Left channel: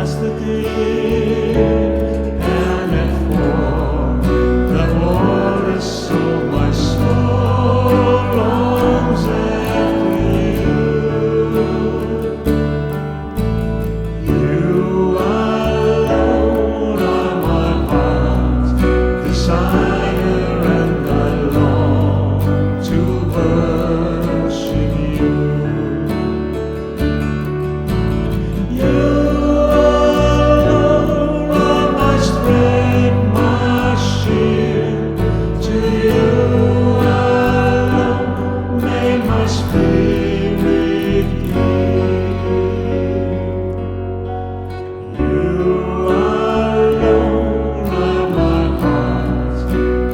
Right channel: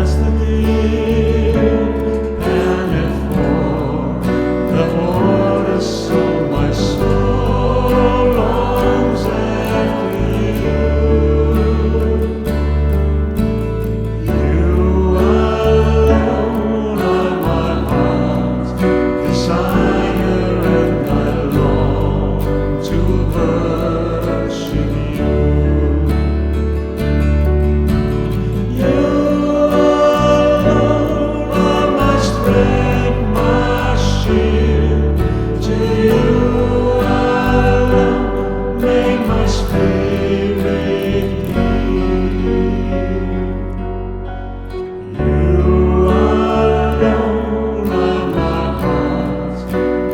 as the deep panteth for the waters, so my soul longs after you. You alone are my heart's desire, and I long to worship you. You alone are my strength, my shield. To you alone may my spirit yield. You alone are my heart's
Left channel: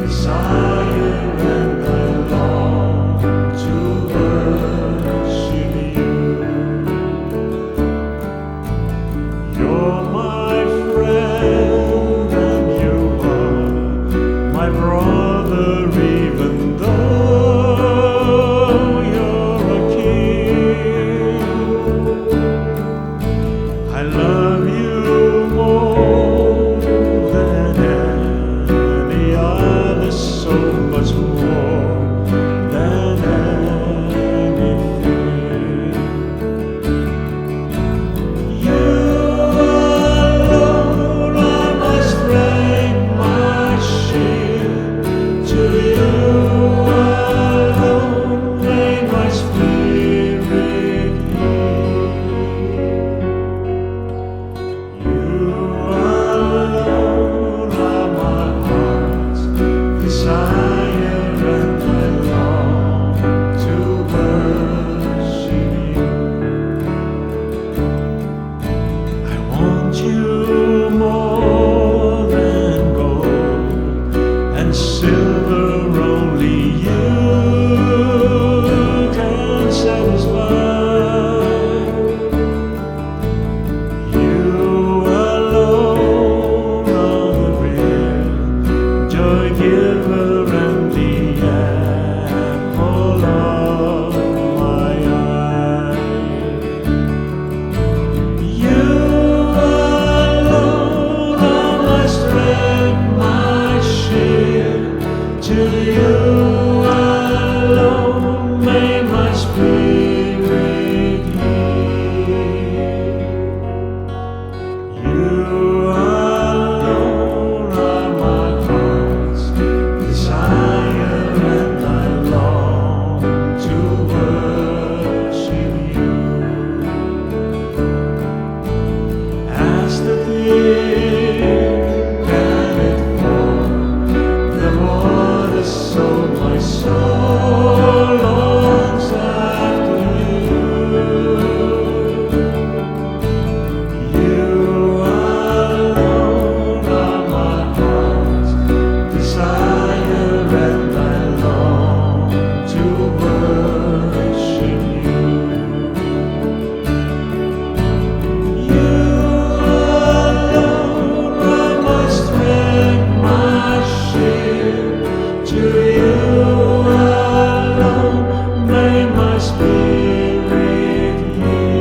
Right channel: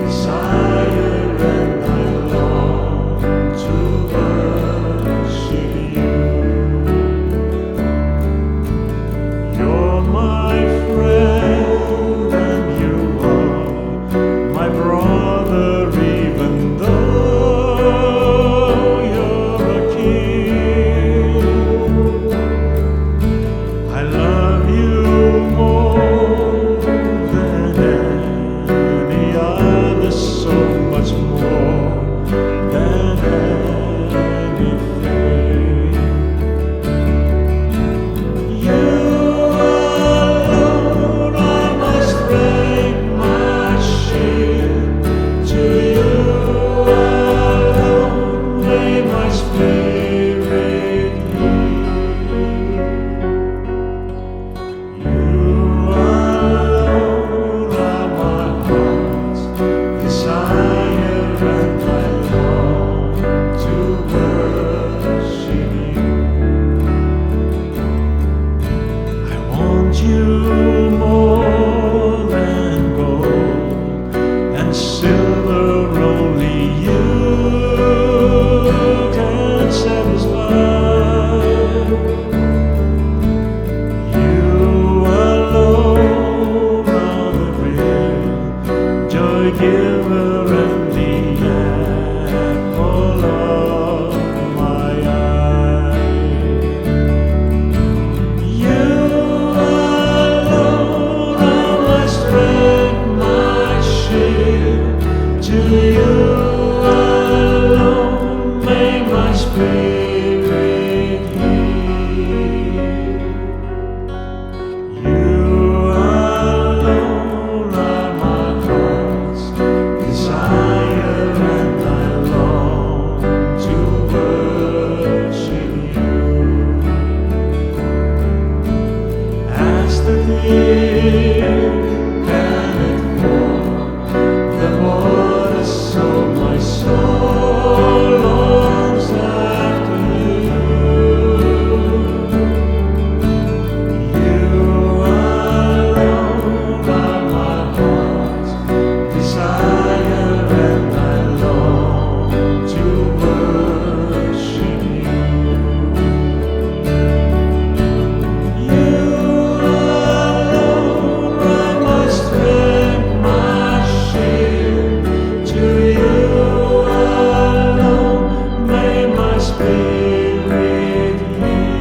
desire, and I long to worship you. You're my friend, and you are my brother, even though you're a king. I love you more than any other, so much more than anything. You alone are my strength, my shield. To you alone may my spirit yield. You alone are my heart's desire, and I long to worship you. I want you more than gold and silver, only you can satisfy. You alone are the real joy giver and the apple of my eye. You alone are my strength, my shield. To you alone may my spirit yield. You alone are my heart's desire, and I long to worship you. As the deep panteth for the waters, so my soul longs after you. You alone are my heart's desire, and I long to worship you. You alone are my strength, my shield. To you alone may my spirit yield.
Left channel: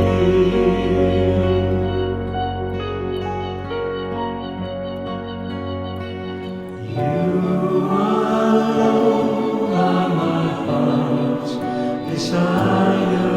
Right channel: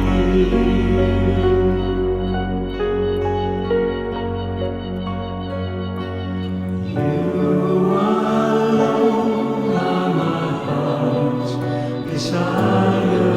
You alone are my heart's desire,